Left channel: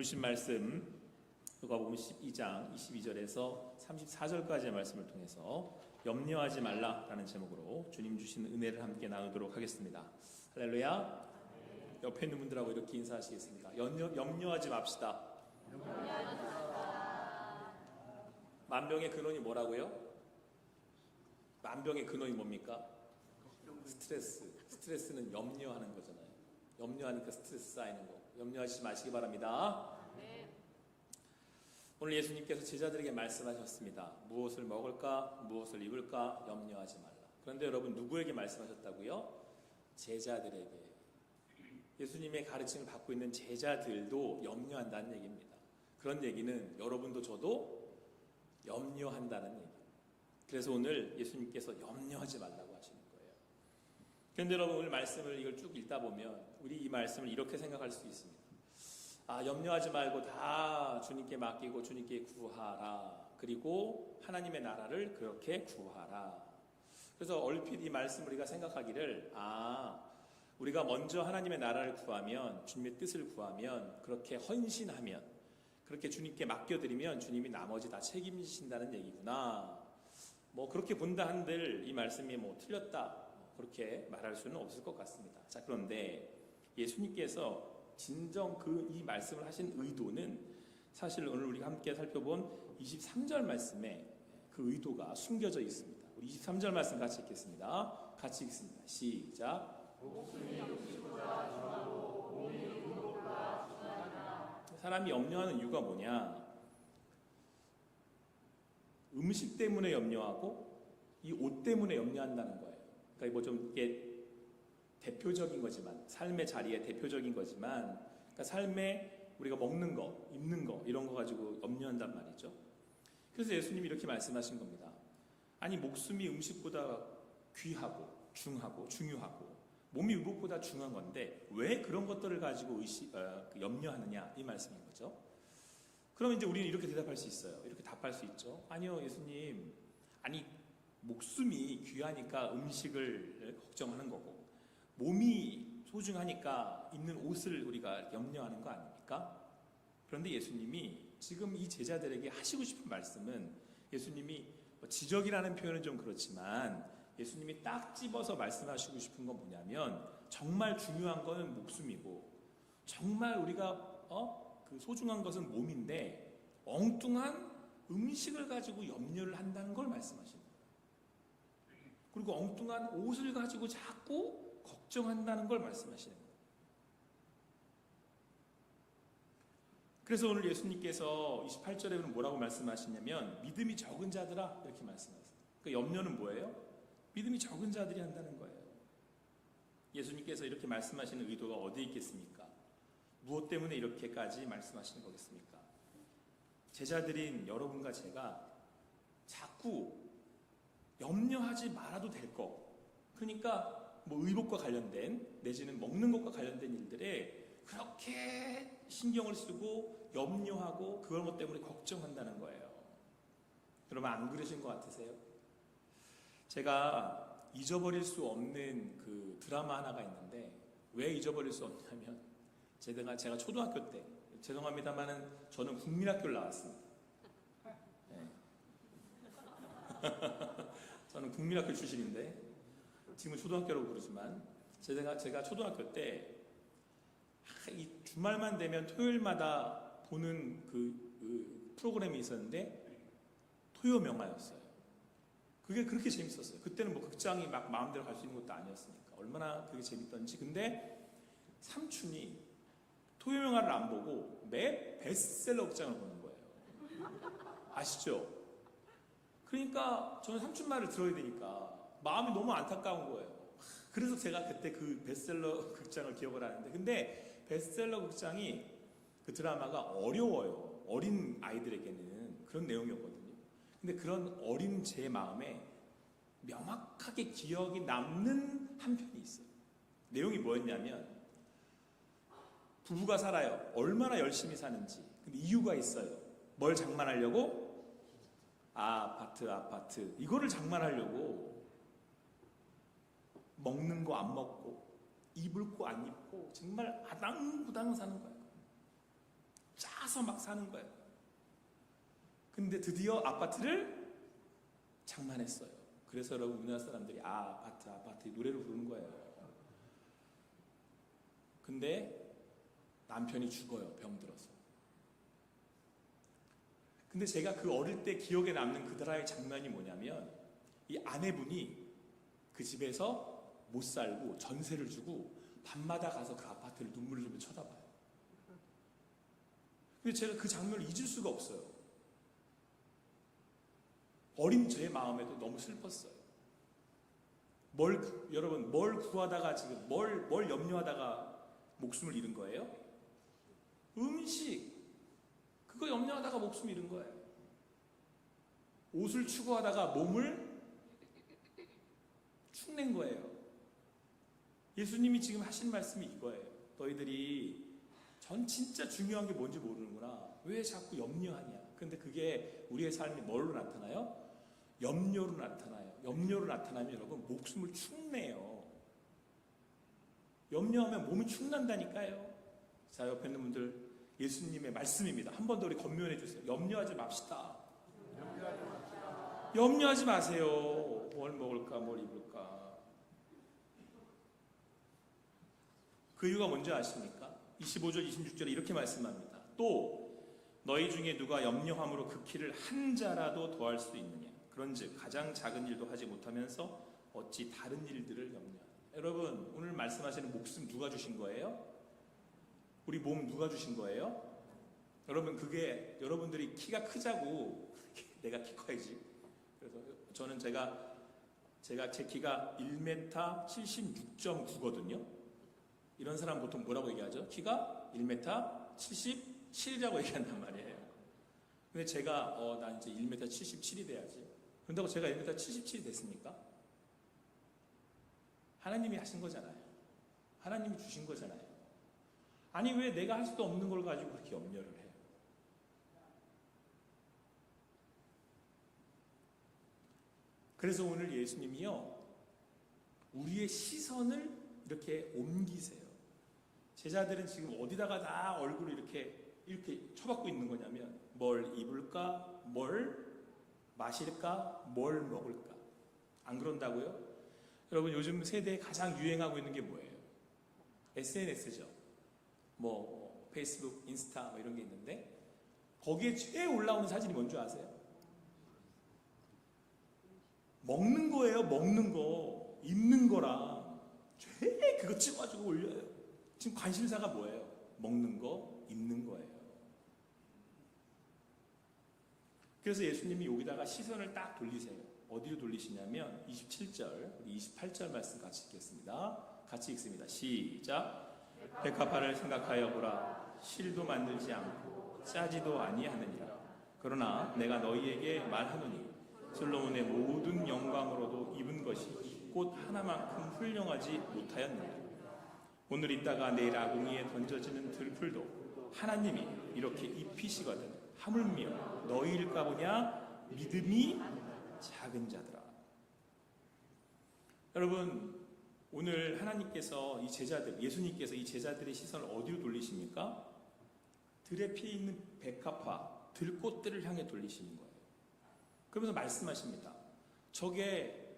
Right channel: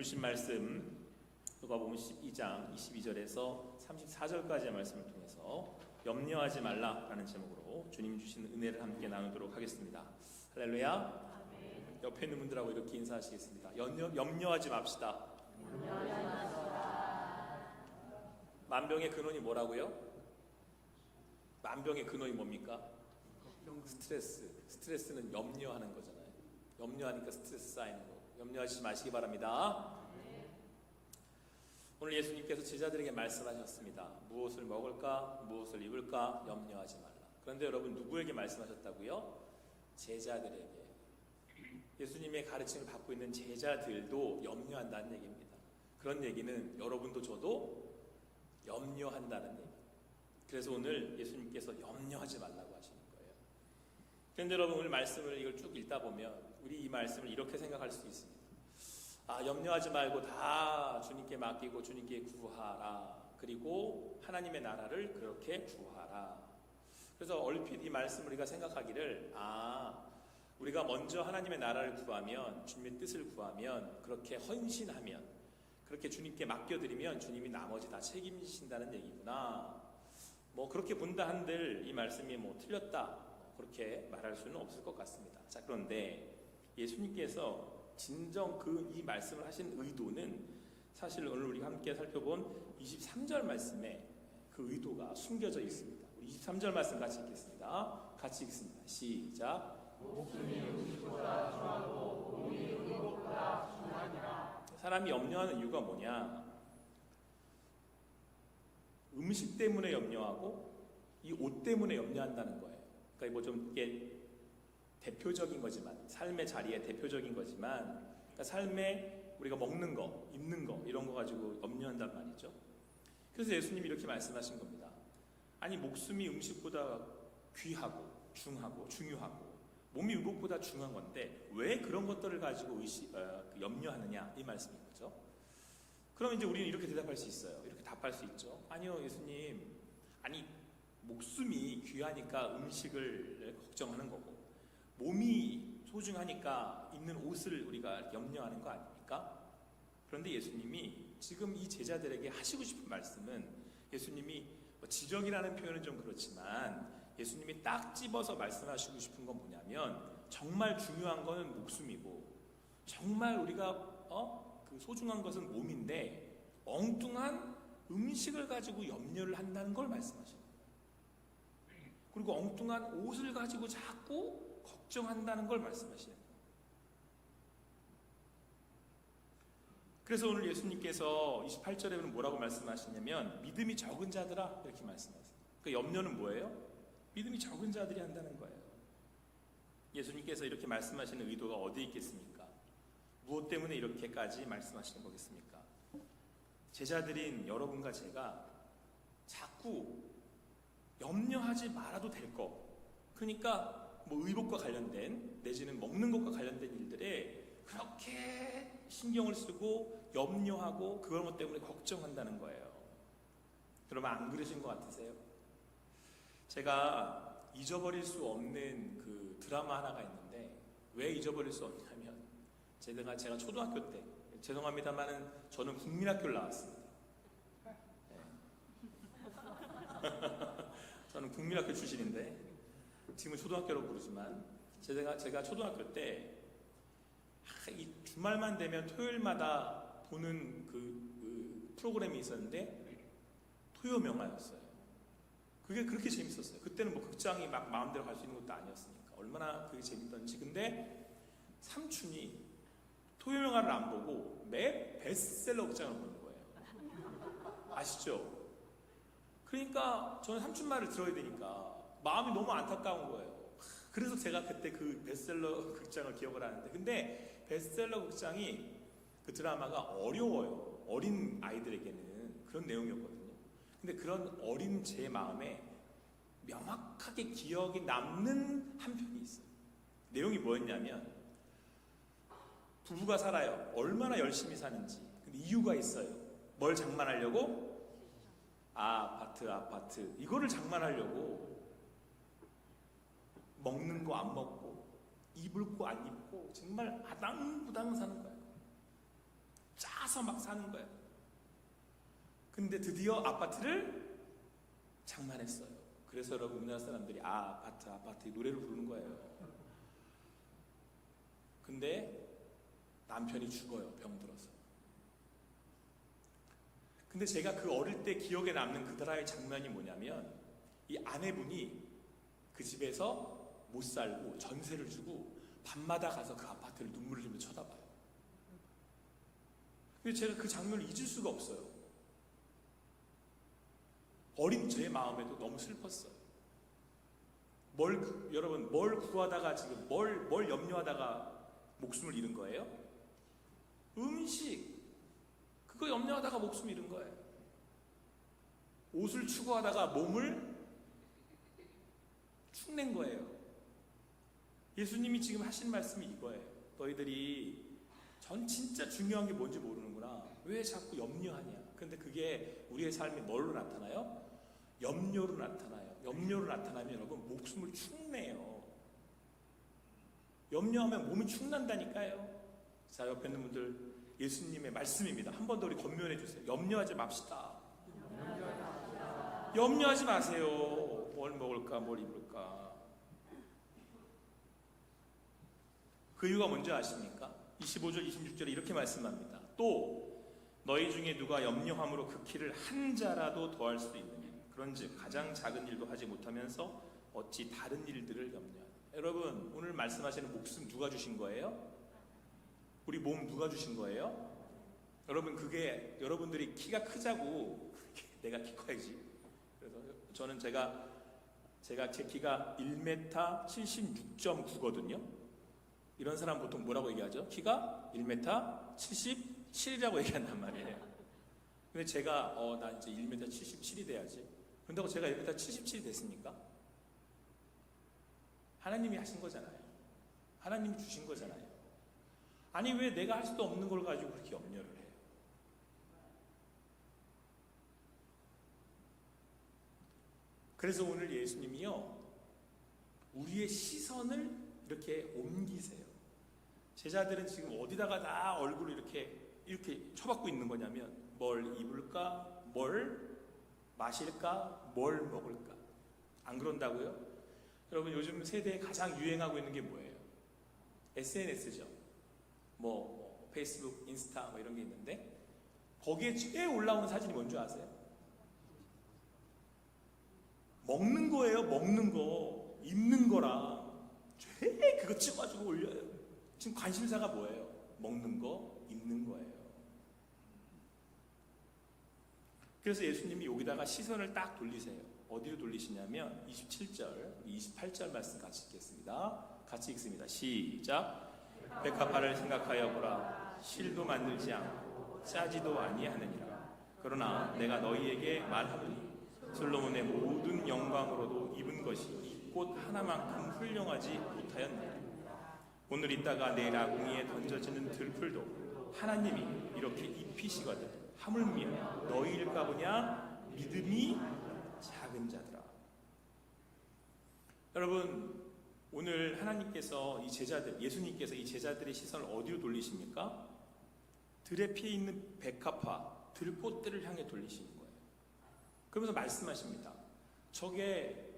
보신 말씀 누가복음 12장 22절에서 34절까지의 말씀을 통해서 염려하지 말라라는 제목으로 주님 주신 은혜를 함께 나누도록 하겠습니다. 할렐루야. 옆에 있는 분들하고 이렇게 인사하시겠습니다. 염려하지 맙시다. 만병의 근원이 뭐라고요? 만병의 근원이 뭡니까? 스트레스는 염려하는 거잖아요. 염려하니까 스트레스 쌓이는 거고. 염려하지 마시기 바랍니다. 오늘 예수님께서 제자들에게 말씀하셨습니다. 무엇을 먹을까? 무엇을 입을까? 염려하지 말라. 그런데 여러분, 누구에게 말씀하셨다고요? 제자들에게. 예수님의 가르침을 받고 있는 제자들도 염려한다는 얘기입니다. 그런 얘기는 여러분도 저도 염려한다는 얘기예요. 그래서 오늘 예수님께서 염려하지 말라고 하시는 거예요. 그런데 여러분, 오늘 말씀을 이걸 쭉 읽다 보면 우리 이 말씀을 이렇게 생각할 수 있습니다. 염려하지 말고 다 주님께 맡기고 주님께 구하라. 그리고 하나님의 나라를 그렇게 구하라. 그래서 얼핏 이 말씀을 우리가 생각하기를 우리가 먼저 하나님의 나라를 구하면, 주님의 뜻을 구하면, 그렇게 헌신하면, 그렇게 주님께 맡겨드리면 주님이 나머지 다 책임지신다는 얘기구나. 그렇게 본다 한들 이 말씀이 틀렸다, 그렇게 말할 수는 없을 것 같습니다. 자, 그런데 예수님께서 진정 이 말씀을 하신 의도는 사실 오늘 우리가 함께 살펴본 23절 말씀에 그 의도가 숨겨져 있습니다. 우리 23절 말씀 같이 읽겠습니다. 같이 읽습니다. 시작. 사람이 염려하는 이유가 뭐냐? 음식 때문에 염려하고 이 옷 때문에 염려한다는 거예요. 그러니까 좀 이게 대표적인 거지만, 삶의 자리에 대표적인 거지만, 그러니까 삶에 우리가 먹는 거, 입는 거, 이런 거 가지고 염려한단 말이죠. 그래서 예수님이 이렇게 말씀하신 겁니다. 아니, 목숨이 음식보다 귀하고 중요하고 몸이 의복보다 중요한 건데 왜 그런 것들을 가지고 염려하느냐, 이 말씀인 거죠. 그럼 이제 우리는 이렇게 대답할 수 있어요. 이렇게 답할 수 있죠. 아니요, 예수님. 목숨이 귀하니까 음식을 걱정하는 거고, 몸이 소중하니까 입는 옷을 우리가 염려하는 거 아닙니까? 그런데 예수님이 지금 이 제자들에게 하시고 싶은 말씀은, 예수님이 지적이라는 표현은 좀 그렇지만 예수님이 딱 집어서 말씀하시고 싶은 건 뭐냐면, 정말 중요한 거는 목숨이고 정말 우리가 그 소중한 것은 몸인데 엉뚱한 음식을 가지고 염려를 한다는 걸 말씀하시는 거예요. 그리고 엉뚱한 옷을 가지고 자꾸 걱정한다는 걸 말씀하시는 거예요. 그래서 오늘 예수님께서 28절에는 뭐라고 말씀하시냐면, 믿음이 적은 자들아, 이렇게 말씀하세요. 그러니까 염려는 뭐예요? 믿음이 적은 자들이 한다는 거예요. 예수님께서 이렇게 말씀하시는 의도가 어디에 있겠습니까? 무엇 때문에 이렇게까지 말씀하시는 거겠습니까? 제자들인 여러분과 제가 자꾸 염려하지 말아도 될 거, 그러니까 의복과 관련된, 내지는 먹는 것과 관련된 일들에 그렇게 신경을 쓰고 염려하고 그런 것 때문에 걱정한다는 거예요. 여러분, 안 그러신 것 같으세요? 제가 잊어버릴 수 없는 그 드라마 하나가 있는데, 왜 잊어버릴 수 없냐면, 제가 초등학교 때, 죄송합니다만은 저는 국민학교를 나왔습니다. 네. 저는 국민학교 출신인데 지금은 초등학교라고 부르지만, 제가 초등학교 때 이 주말만 되면 토요일마다 보는 그 프로그램이 있었는데 토요명화였어요. 그게 그렇게 재밌었어요. 그때는 극장이 막 마음대로 갈 수 있는 것도 아니었으니까 얼마나 그게 재밌던지. 근데 삼촌이 토요명화를 안 보고 매 베스트셀러 극장을 보는 거예요. 아시죠? 그러니까 저는 삼촌 말을 들어야 되니까 마음이 너무 안타까운 거예요. 그래서 제가 그때 그 베스트셀러 극장을 기억을 하는데, 근데 베스트셀러 극장이, 그 드라마가 어려워요. 어린 아이들에게는 그런 내용이었거든요. 근데 그런 어린 제 마음에 명확하게 기억이 남는 한 편이 있어요. 내용이 뭐였냐면, 부부가 살아요. 얼마나 열심히 사는지. 근데 이유가 있어요. 뭘 장만하려고? 아파트. 이거를 장만하려고 먹는 거 안 먹고 입을 거 안 입고 정말 아당부당 사는 거야. 사서 막 사는 거예요. 근데 드디어 아파트를 장만했어요. 그래서 여러분 우리나라 사람들이 아파트 노래를 부르는 거예요. 근데 남편이 죽어요. 병들어서. 근데 제가 그 어릴 때 기억에 남는 그 드라마의 장면이 뭐냐면 이 아내분이 그 집에서 못 살고 전세를 주고 밤마다 가서 그 아파트를 눈물을 흘리며 쳐다봐요. 근데 제가 그 장면을 잊을 수가 없어요. 어린 제 마음에도 너무 슬펐어요. 여러분 뭘 구하다가 지금 뭘 염려하다가 목숨을 잃은 거예요? 음식 그거 염려하다가 목숨 잃은 거예요. 옷을 추구하다가 몸을 축낸 거예요. 예수님이 지금 하신 말씀이 이거예요. 너희들이 전 진짜 중요한 게 뭔지 모르는구나. 왜 자꾸 염려하냐. 근데 그게 우리의 삶이 뭘로 나타나요? 염려로 나타나요. 염려로 나타나면 여러분 목숨을 축내요. 염려하면 몸이 축난다니까요. 자, 옆에 있는 분들 예수님의 말씀입니다. 한 번 더 우리 권면해 주세요. 염려하지 맙시다. 염려하지 마세요. 뭘 먹을까 뭘 입을까. 그 이유가 뭔지 아십니까? 25절 26절에 이렇게 말씀합니다. 또 너희 중에 누가 염려함으로 그 키를 한 자라도 더할 수 있느냐. 그런즉 가장 작은 일도 하지 못하면서 어찌 다른 일들을 염려하느냐. 여러분 오늘 말씀하시는 목숨 누가 주신 거예요? 우리 몸 누가 주신 거예요? 여러분 그게 여러분들이 키가 크자고 내가 키 커야지. 그래서 저는 제가 제 키가 1m 76.9거든요. 이런 사람 보통 뭐라고 얘기하죠? 키가 1m 77이라고 얘기한단 말이에요. 근데 제가 나 이제 1m 77이 돼야지. 그런다고 제가 1m 77이 됐습니까? 하나님이 하신 거잖아요. 하나님이 주신 거잖아요. 아니 왜 내가 할 수도 없는 걸 가지고 그렇게 염려를 해요? 그래서 오늘 예수님이요 우리의 시선을 이렇게 옮기세요. 제자들은 지금 어디다가 다 얼굴을 이렇게 쳐박고 있는 거냐면 뭘 입을까, 뭘 마실까, 뭘 먹을까. 안 그런다고요? 여러분 요즘 세대에 가장 유행하고 있는 게 뭐예요? SNS죠. 페이스북, 인스타 이런 게 있는데 거기에 제일 올라오는 사진이 뭔지 아세요? 먹는 거예요. 먹는 거. 입는 거랑 제일 그거 찍어가지고 올려요. 지금 관심사가 뭐예요? 먹는 거, 입는 거예요. 그래서 예수님이 여기다가 시선을 딱 돌리세요. 어디로 돌리시냐면 27절, 우리 28절 말씀 같이 읽겠습니다. 같이 읽습니다. 시작. 백합화를 생각하여 보라. 실도 만들지 않고 짜지도 아니하느니라. 그러나 내가 너희에게 말하노니 솔로몬의 모든 영광으로도 입은 것이 이 꽃 하나만큼 훌륭하지 못하였느니라. 오늘 있다가 내일 아궁이에 던져지는 들풀도 하나님이 이렇게 입히시거든 하물며 너희일까 보냐 믿음이 작은 자들아. 여러분 오늘 하나님께서 이 제자들, 예수님께서 이 제자들의 시선을 어디로 돌리십니까? 들에 피어 있는 백합화, 들꽃들을 향해 돌리시는 거예요. 그러면서 말씀하십니다. 저게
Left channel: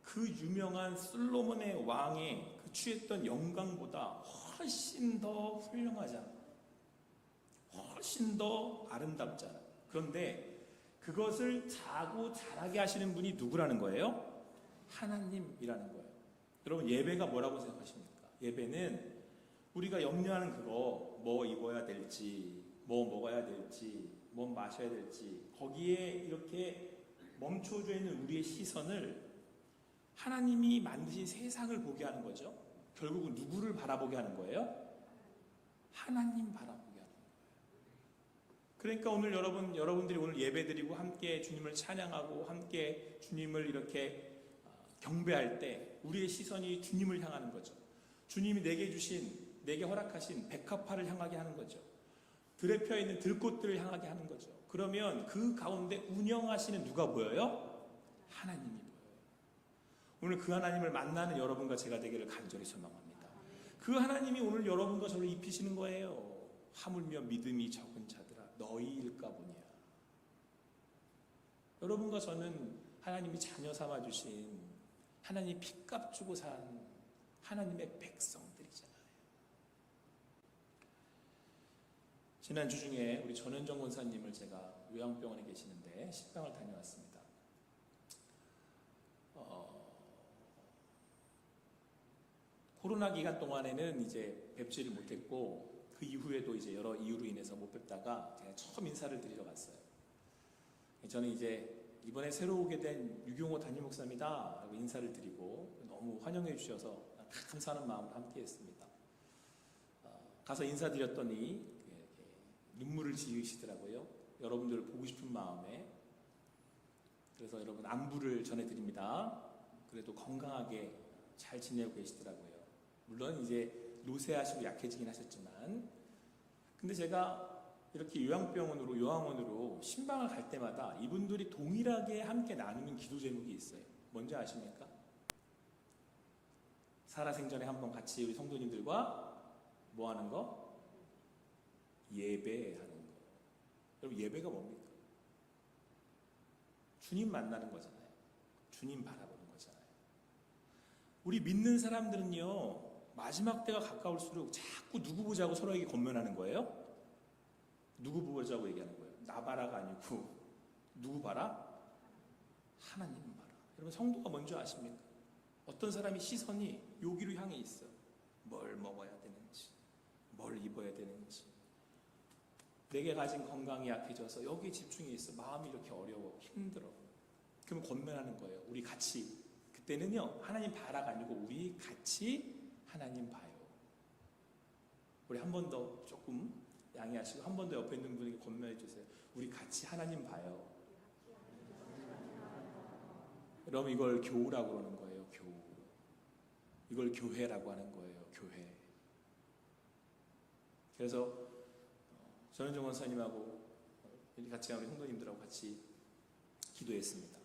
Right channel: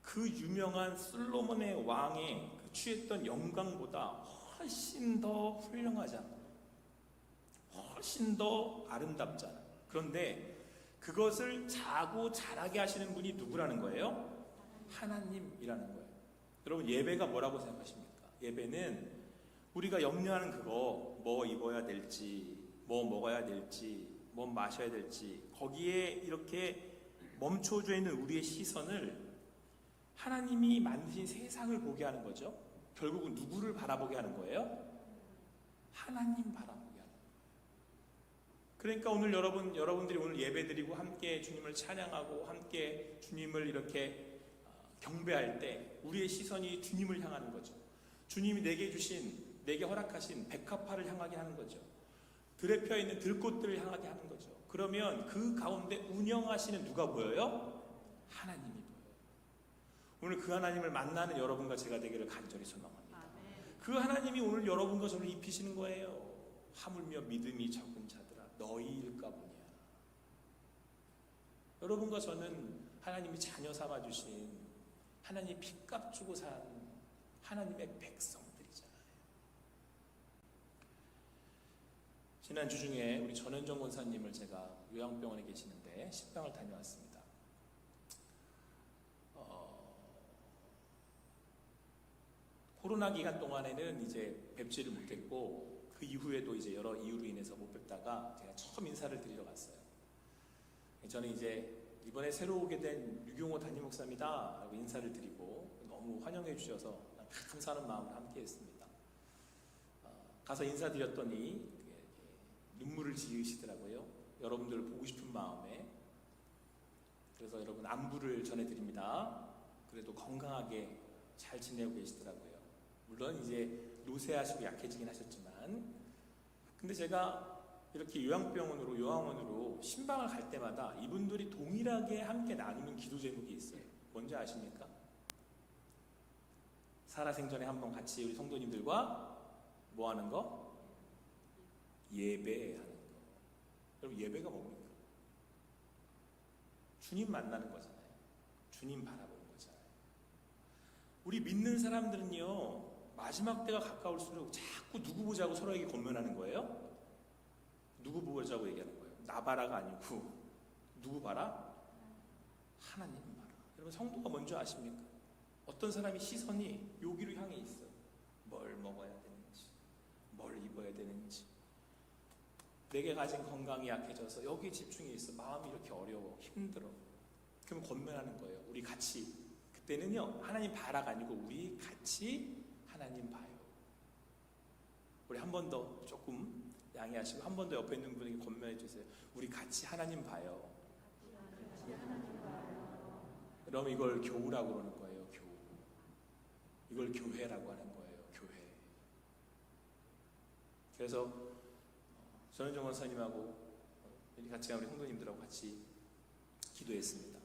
그 유명한 솔로몬의 왕의 그 취했던 영광보다 훨씬 더 훌륭하잖아. 훨씬 더 아름답잖아. 그런데 그것을 자고 자라게 하시는 분이 누구라는 거예요? 하나님이라는 거예요. 여러분 예배가 뭐라고 생각하십니까? 예배는 우리가 염려하는 그거 뭐 입어야 될지 뭐 먹어야 될지 뭐 마셔야 될지 거기에 이렇게 멈춰져 있는 우리의 시선을 하나님이 만드신 세상을 보게 하는 거죠. 결국은 누구를 바라보게 하는 거예요? 하나님 바라보게 하는 거예요. 그러니까 오늘 여러분들이 오늘 예배드리고 함께 주님을 찬양하고 함께 주님을 이렇게 경배할 때 우리의 시선이 주님을 향하는 거죠. 주님이 내게 허락하신 백합화를 향하게 하는 거죠. 들에 펴 있는 들꽃들을 향하게 하는 거죠. 그러면 그 가운데 운영하시는 누가 보여요? 하나님이 보여요. 오늘 그 하나님을 만나는 여러분과 제가 되기를 간절히 소망합니다. 그 하나님이 오늘 여러분과 저를 입히시는 거예요. 하물며 믿음이 적은 자들아. 너희일까 보냐. 여러분과 저는 하나님이 자녀 삼아주신, 하나님이 핏값 주고 산 하나님의 백성들이잖아요. 지난주 중에 우리 전현정 권사님을 제가 요양병원에 계시는데 식당을 다녀왔습니다. 코로나 기간 동안에는 이제 뵙지를 못했고, 그 이후에도 이제 여러 이유로 인해서 못 뵙다가 제가 처음 인사를 드리러 갔어요. 저는 이제 이번에 새로 오게 된 유경호 담임 목사입니다 라고 인사를 드리고 너무 환영해 주셔서 감사하는 마음으로 함께 했습니다. 가서 인사드렸더니 눈물을 지으시더라고요. 여러분들을 보고 싶은 마음에. 그래서 여러분 안부를 전해드립니다. 그래도 건강하게 잘 지내고 계시더라고요. 물론 이제 노쇠하시고 약해지긴 하셨지만, 근데 제가 이렇게 요양원으로 신방을 갈 때마다 이분들이 동일하게 함께 나누는 기도 제목이 있어요. 뭔지 아십니까? 살아생전에 한번 같이 우리 성도님들과 뭐 하는 거? 예배하는 거. 여러분, 예배가 뭡니까? 주님 만나는 거잖아요. 주님 바라보는 거잖아요. 우리 믿는 사람들은요, 마지막 때가 가까울수록 자꾸 누구 보자고 서로에게 권면하는 거예요? 누구 보자고 얘기하는 거예요? 나 봐라가 아니고 누구 봐라? 하나님 봐라. 여러분, 성도가 뭔지 아십니까? 어떤 사람이 시선이 여기로 향해 있어. 뭘 먹어야 되는지, 뭘 입어야 되는지, 내게 가진 건강이 약해져서 여기에 집중해 있어. 마음이 이렇게 어려워, 힘들어. 그러면 권면하는 거예요. 우리 같이. 그때는요, 하나님 봐라가 아니고 우리 같이 하나님 봐요. 우리 한 번 더 조금 양해하시고 한 번 더 옆에 있는 분에게 권면해 주세요. 우리 같이 하나님 봐요. 그럼 이걸 교우라고 그러는 거예요. 교우. 이걸 교회라고 하는 거예요. 교회. 그래서 전현정 원사님하고 같이 우리 성도님들하고 같이 기도했습니다.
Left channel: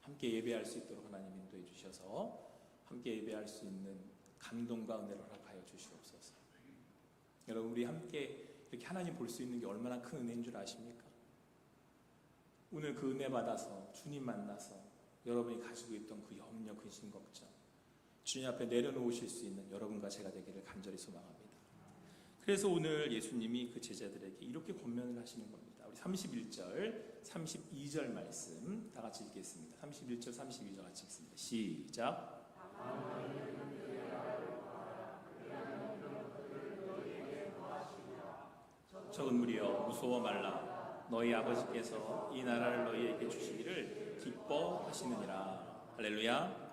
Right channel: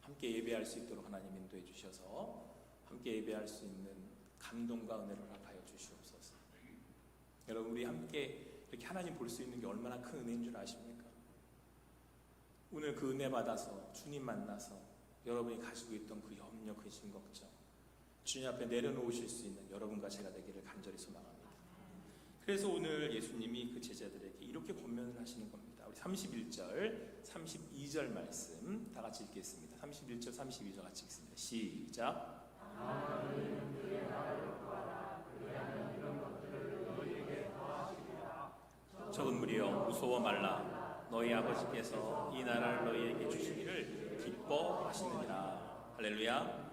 함께 예배할 수 있도록 하나님 인도해 주셔서 함께 예배할 수 있는 감동과 은혜를 허락하여 주시옵소서. 여러분, 우리 함께 이렇게 하나님 볼 수 있는 게 얼마나 큰 은혜인 줄 아십니까? 오늘 그 은혜 받아서 주님 만나서 여러분이 가지고 있던 그 염려, 근심, 걱정 주님 앞에 내려놓으실 수 있는 여러분과 제가 되기를 간절히 소망합니다. 그래서 오늘 예수님이 그 제자들에게 이렇게 권면을 하시는 겁니다. 우리 31절, 32절 말씀 다 같이 읽겠습니다. 31절, 32절 같이 읽습니다. 시작. 적은 무리여 무서워 말라. 너희 아버지께서 이 나라를 너희에게 주시기를 기뻐하시느니라. 할렐루야.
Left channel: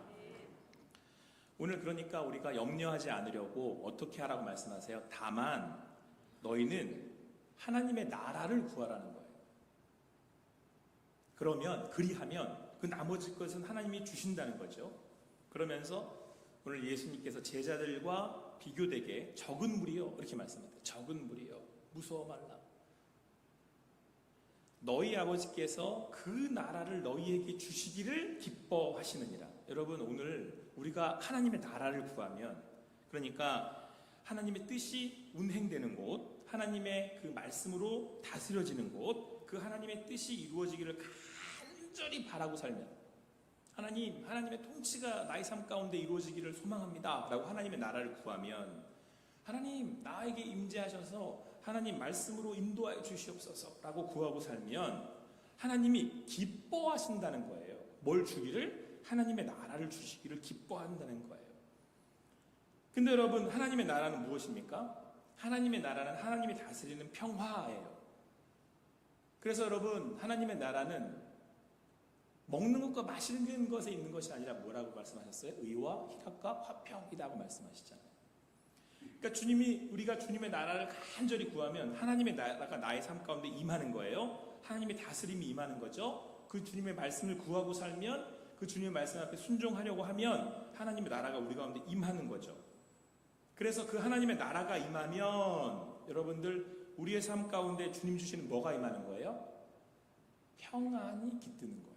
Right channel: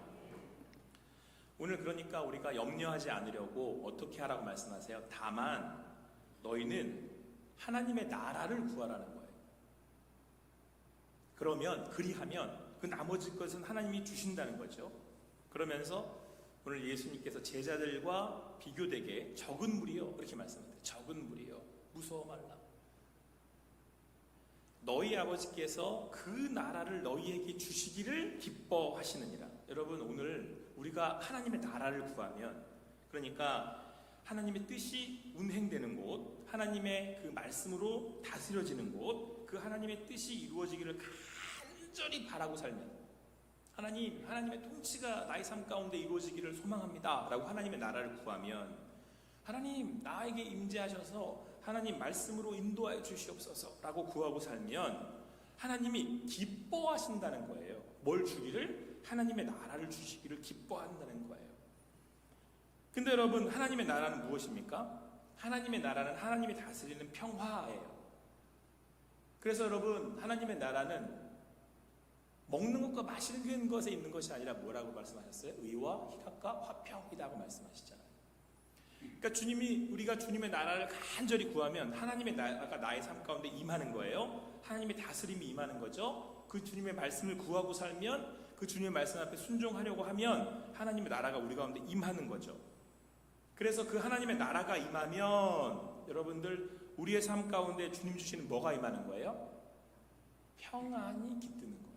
오늘 그러니까 우리가 염려하지 않으려고 어떻게 하라고 말씀하세요? 다만 너희는 하나님의 나라를 구하라는 거예요. 그러면 그리하면 그 나머지 것은 하나님이 주신다는 거죠. 그러면서 오늘 예수님께서 제자들과 비교되게 적은 무리여 이렇게 말씀하세요. 적은 무리여 무서워 말라. 너희 아버지께서 그 나라를 너희에게 주시기를 기뻐하시느니라. 여러분, 오늘 우리가 하나님의 나라를 구하면, 그러니까 하나님의 뜻이 운행되는 곳, 하나님의 그 말씀으로 다스려지는 곳, 그 하나님의 뜻이 이루어지기를 간절히 바라고 살면, 하나님의 통치가 나의 삶 가운데 이루어지기를 소망합니다 라고 하나님의 나라를 구하면, 하나님 나에게 임재하셔서 하나님 말씀으로 인도하여 주시옵소서 라고 구하고 살면 하나님이 기뻐하신다는 거예요. 뭘 주기를? 하나님의 나라를 주시기를 기뻐한다는 거예요. 근데 여러분, 하나님의 나라는 무엇입니까? 하나님의 나라는 하나님이 다스리는 평화예요. 그래서 여러분, 하나님의 나라는 먹는 것과 마시는 것에 있는 것이 아니라 뭐라고 말씀하셨어요? 의와 희락과 화평이라고 말씀하시잖아요. 그러니까 우리가 주님의 나라를 간절히 구하면 하나님의 나라가 나의 삶 가운데 임하는 거예요. 하나님의 다스림이 임하는 거죠. 그 주님의 말씀을 구하고 살면, 그 주님의 말씀 앞에 순종하려고 하면 하나님의 나라가 우리 가운데 임하는 거죠. 그래서 그 하나님의 나라가 임하면 여러분들, 우리의 삶 가운데 주님 주시는 뭐가 임하는 거예요? 평안이 깃드는 거예요.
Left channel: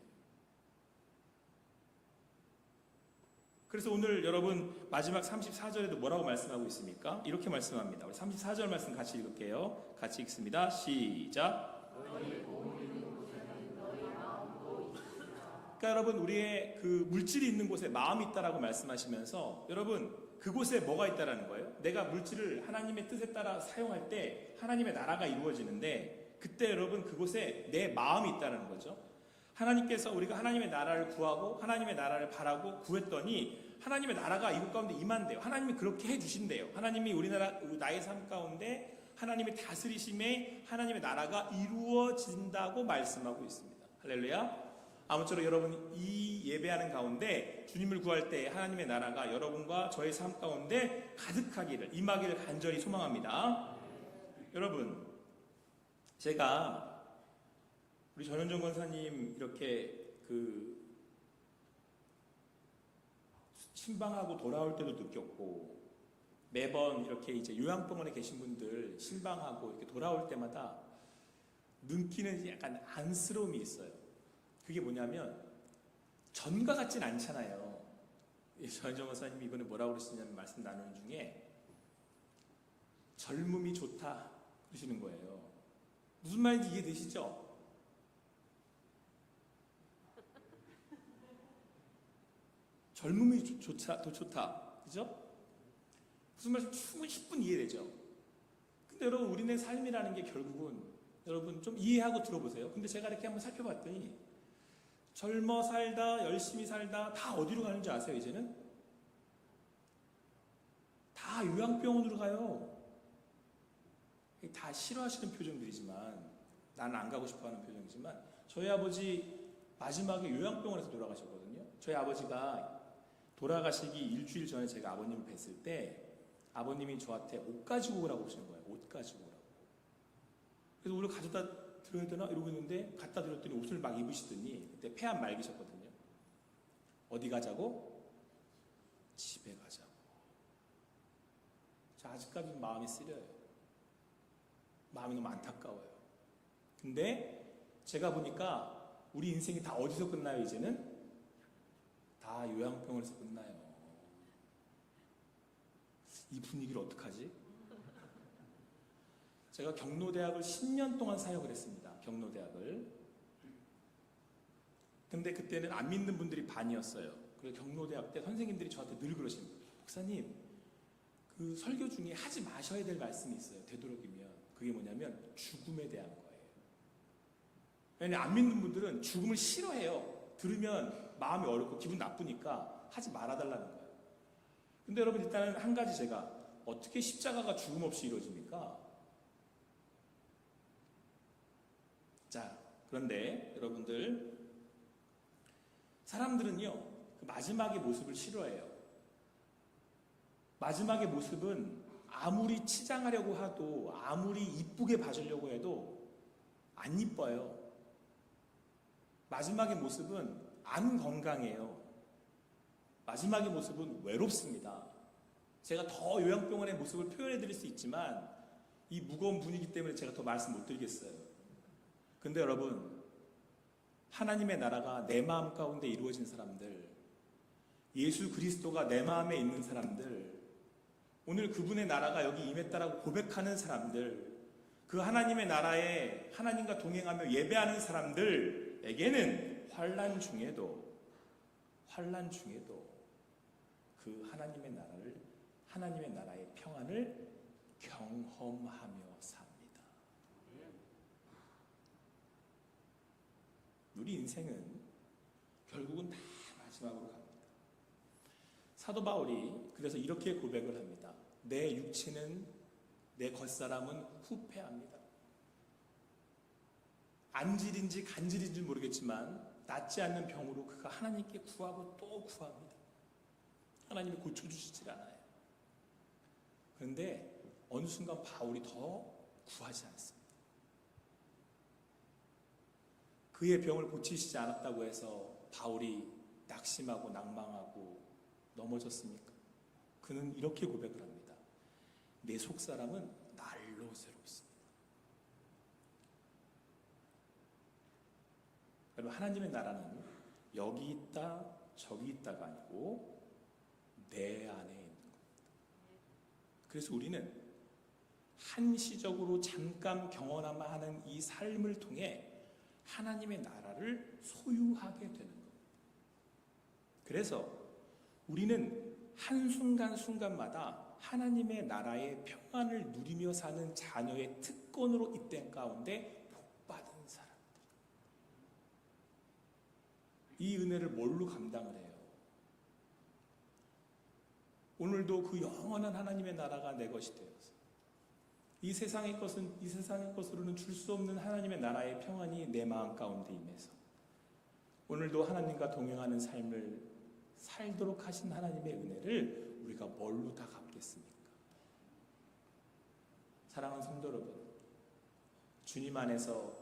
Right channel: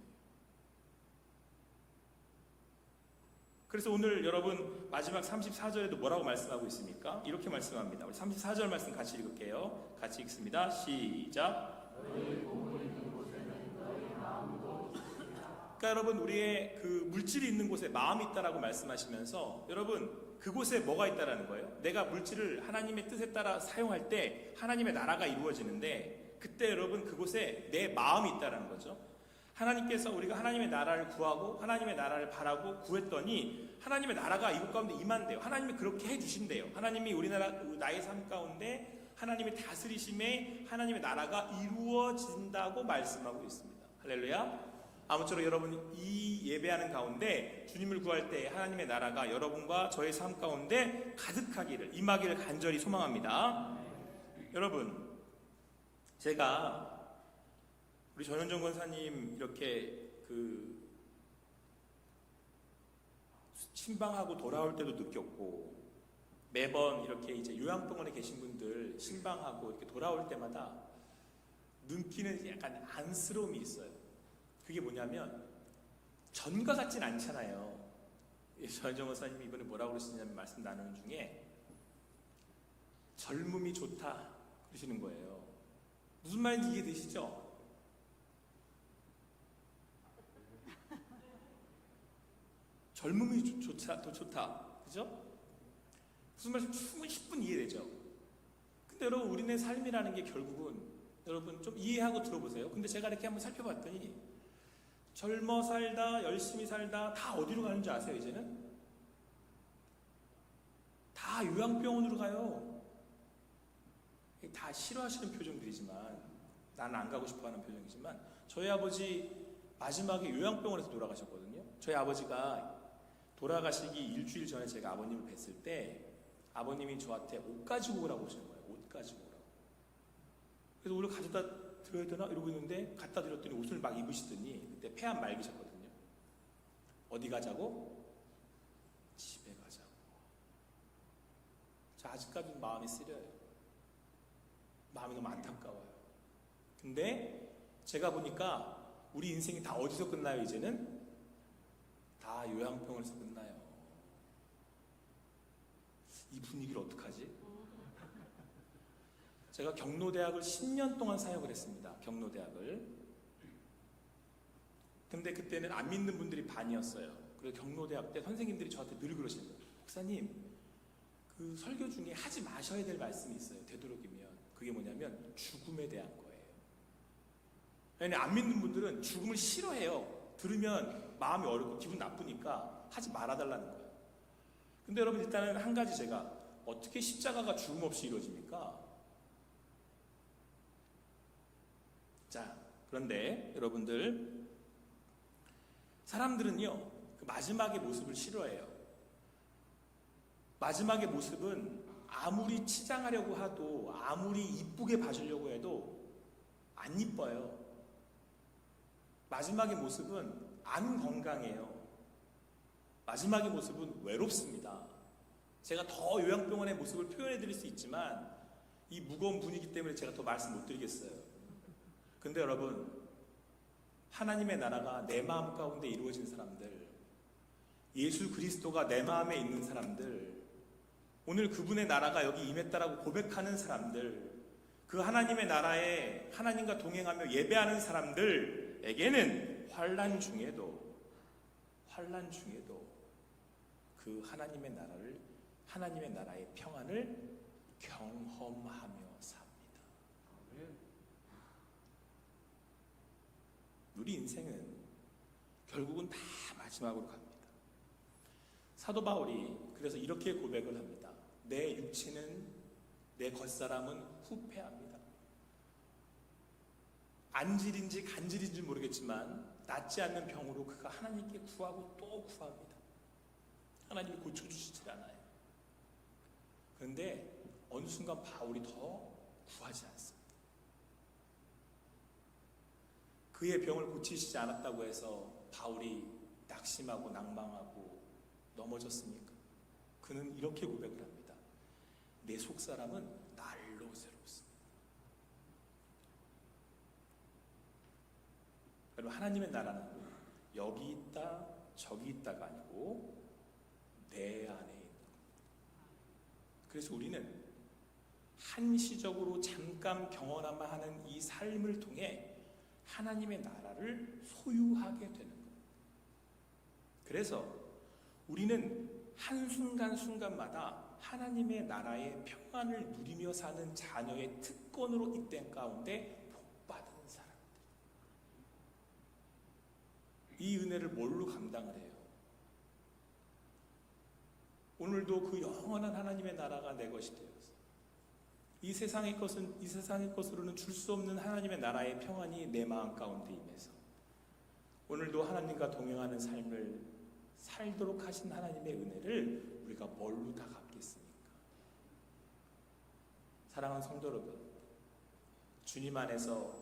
그래서 오늘 여러분 마지막 34절에도 뭐라고 말씀하고 있습니까? 이렇게 말씀합니다. 우리 34절 말씀 같이 읽을게요. 같이 읽습니다. 시작. 그러니까 여러분 우리의 그 물질이 있는 곳에 마음이 있다라고 말씀하시면서 여러분 그곳에 뭐가 있다라는 거예요? 내가 물질을 하나님의 뜻에 따라 사용할 때 하나님의 나라가 이루어지는데 그때 여러분 그곳에 내 마음이 있다라는 거죠. 하나님께서 우리가 하나님의 나라를 구하고 하나님의 나라를 바라고 구했더니 하나님의 나라가 이곳 가운데 임한대요. 하나님이 그렇게 해주신대요. 하나님이 우리나라 나의 삶 가운데 하나님의 다스리심에 하나님의 나라가 이루어진다고 말씀하고 있습니다. 할렐루야. 아무쪼록 여러분 이 예배하는 가운데 주님을 구할 때 하나님의 나라가 여러분과 저의 삶 가운데 가득하기를 임하기를 간절히 소망합니다. 여러분 제가 우리 전현정 권사님 이렇게 그 신방하고 돌아올 때도 느꼈고 매번 이렇게 이제 요양병원에 계신 분들 신방하고 이렇게 돌아올 때마다 느끼는 약간 안쓰러움이 있어요. 그게 뭐냐면 전과 같진 않잖아요. 전현정 권사님이 이번에 뭐라고 그러시냐면 말씀 나누는 중에 젊음이 좋다 그러시는 거예요. 무슨 말인지 이해되시죠? 젊음이 좋다. 그죠? 무슨 말씀 충분히 10분 이해되죠? 근데 여러분 우리네 삶이라는 게 결국은 여러분 좀 이해하고 들어보세요. 근데 제가 이렇게 한번 살펴봤더니 젊어 살다 열심히 살다 다 어디로 가는 줄 아세요? 이제는? 다 요양병원으로 가요. 다 싫어하시는 표정들이지만 나는 안 가고 싶어하는 표정이지만 저희 아버지 마지막에 요양병원에서 돌아가셨거든요. 저희 아버지가 돌아가시기 일주일 전에 제가 아버님을 뵀을 때 아버님이 저한테 옷 가지고 오라고 하시는 거예요. 옷 가지고 오라고. 그래서 오늘 가져다 드려야 되나? 이러고 있는데 갖다 드렸더니 옷을 막 입으시더니 그때 폐암 말기셨거든요. 어디 가자고? 집에 가자고. 저 아직까지 마음이 쓰려요. 마음이 너무 안타까워요. 근데 제가 보니까 우리 인생이 다 어디서 끝나요 이제는? 다 요양병원에서 끝나요. 이 분위기를 어떡하지? 제가 경로대학을 10년 동안 사역을 했습니다. 경로대학을. 근데 그때는 안 믿는 분들이 반이었어요. 그래서 경로대학 때 선생님들이 저한테 늘 그러시는 거예요. 목사님, 그 설교 중에 하지 마셔야 될 말씀이 있어요. 되도록이면. 그게 뭐냐면 죽음에 대한 거예요. 왜냐면 안 믿는 분들은 죽음을 싫어해요. 들으면 마음이 어렵고 기분 나쁘니까 하지 말아달라는 거예요. 근데 여러분 일단은 한 가지 제가 어떻게 십자가가 죽음 없이 이루어집니까? 자, 그런데 여러분들 사람들은요 그 마지막의 모습을 싫어해요. 마지막의 모습은 아무리 치장하려고 해도 아무리 이쁘게 봐주려고 해도 안 이뻐요. 마지막의 모습은 안 건강해요. 마지막의 모습은 외롭습니다. 제가 더 요양병원의 모습을 표현해 드릴 수 있지만 이 무거운 분위기 때문에 제가 더 말씀 못 드리겠어요. 근데 여러분 하나님의 나라가 내 마음 가운데 이루어진 사람들, 예수 그리스도가 내 마음에 있는 사람들, 오늘 그분의 나라가 여기 임했다라고 고백하는 사람들, 그 하나님의 나라에 하나님과 동행하며 예배하는 사람들에게는 환난 중에도 그 하나님의 나라의 평안을 경험하며 삽니다. 우리 인생은 결국은 다 마지막으로 갑니다. 사도 바울이 그래서 이렇게 고백을 합니다. 내 육체는, 내 겉사람은 후패합니다. 안질인지 간질인지 모르겠지만 낫지 않는 병으로 그가 하나님께 구하고 또 구합니다. 하나님이 고쳐주시질 않아요. 그런데 어느 순간 바울이 더 구하지 않습니다. 그의 병을 고치시지 않았다고 해서 바울이 낙심하고 낭망하고 넘어졌습니까? 그는 이렇게 고백을 합니다. 내 속사람은 날로 새롭습니다. 여러분 하나님의 나라는 여기 있다 저기 있다가 아니고 내 안에 있는 겁니다. 그래서 우리는 한시적으로 잠깐 경험만 하는 이 삶을 통해 하나님의 나라를 소유하게 되는 거예요. 그래서 우리는 한순간순간마다 하나님의 나라의 평안을 누리며 사는 자녀의 특권으로 이 땅 가운데 복받은 사람들. 이 은혜를 뭘로 감당을 해요? 오늘도 그 영원한 하나님의 나라가 내 것이 되어서 이 세상의 것으로는 줄 수 없는 하나님의 나라의 평안이 내 마음 가운데 임해서 오늘도 하나님과 동행하는 삶을 살도록 하신 하나님의 은혜를 우리가 뭘로 다 갚겠습니까? 사랑하는 성도 여러분, 주님 안에서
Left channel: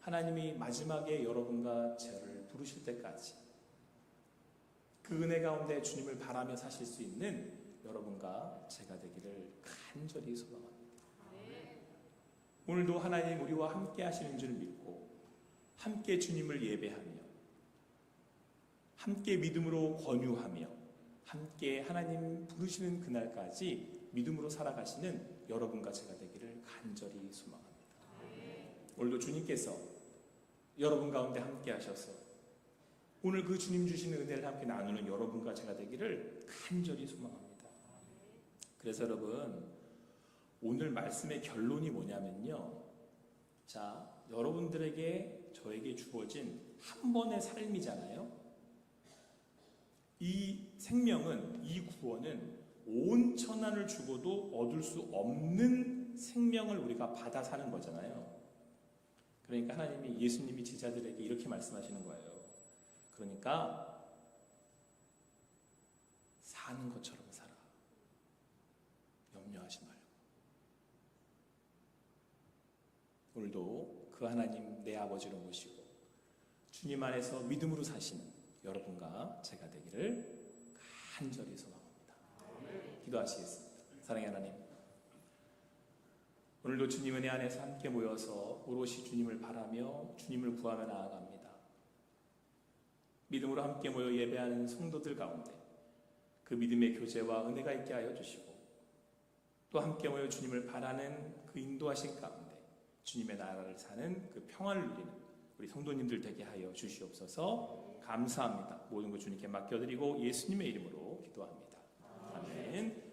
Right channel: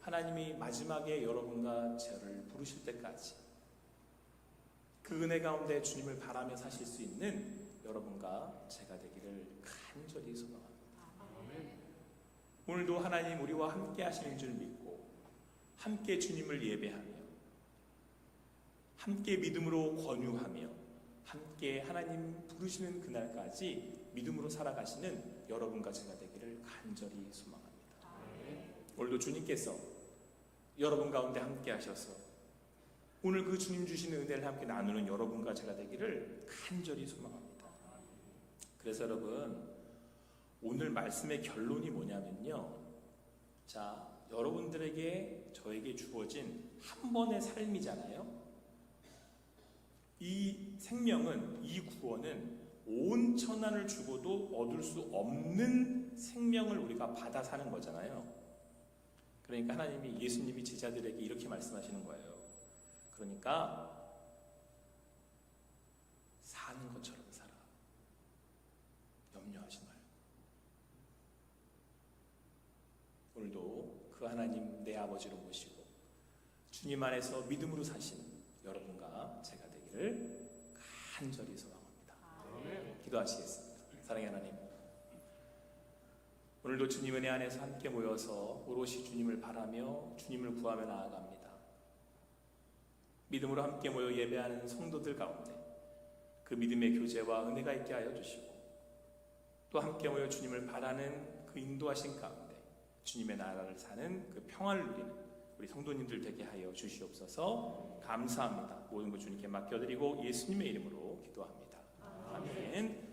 하나님이 마지막에 여러분과 저를 부르실 때까지 그 은혜 가운데 주님을 바라며 사실 수 있는 여러분과 제가 되기를 간절히 소망합니다. 오늘도 하나님 우리와 함께 하시는 줄 믿고 함께 주님을 예배하며 함께 믿음으로 권유하며 함께 하나님 부르시는 그날까지 믿음으로 살아가시는 여러분과 제가 되기를 간절히 소망합니다. 오늘도 주님께서 여러분 가운데 함께 하셔서 오늘 그 주님 주시는 은혜를 함께 나누는 여러분과 제가 되기를 간절히 소망합니다. 그래서 여러분, 오늘 말씀의 결론이 뭐냐면요, 자, 여러분들에게 저에게 주어진 한 번의 삶이잖아요. 이 생명은, 이 구원은 온 천한을 주고도 얻을 수 없는 생명을 우리가 받아 사는 거잖아요. 그러니까 하나님이, 예수님이 제자들에게 이렇게 말씀하시는 거예요. 그러니까 사는 것처럼 살아. 염려하지 마요. 오늘도 그 하나님 내 아버지로 모시고 주님 안에서 믿음으로 사시는 여러분과 제가 되기를 간절히 소망합니다. 기도하시겠습니다. 사랑의 하나님, 오늘도 주님 은혜 안에서 함께 모여서 오롯이 주님을 바라며 주님을 구하며 나아갑니다. 믿음으로 함께 모여 예배하는 성도들 가운데 그 믿음의 교제와 은혜가 있게 하여 주시고 또 함께 모여 주님을 바라는 그 인도하신 가운데 주님의 나라를 사는 그 평안을 누리는 우리 성도님들 되게 하여 주시옵소서. 감사합니다. 모든 것 주님께 맡겨드리고 예수님의 이름으로 기도합니다. 아멘.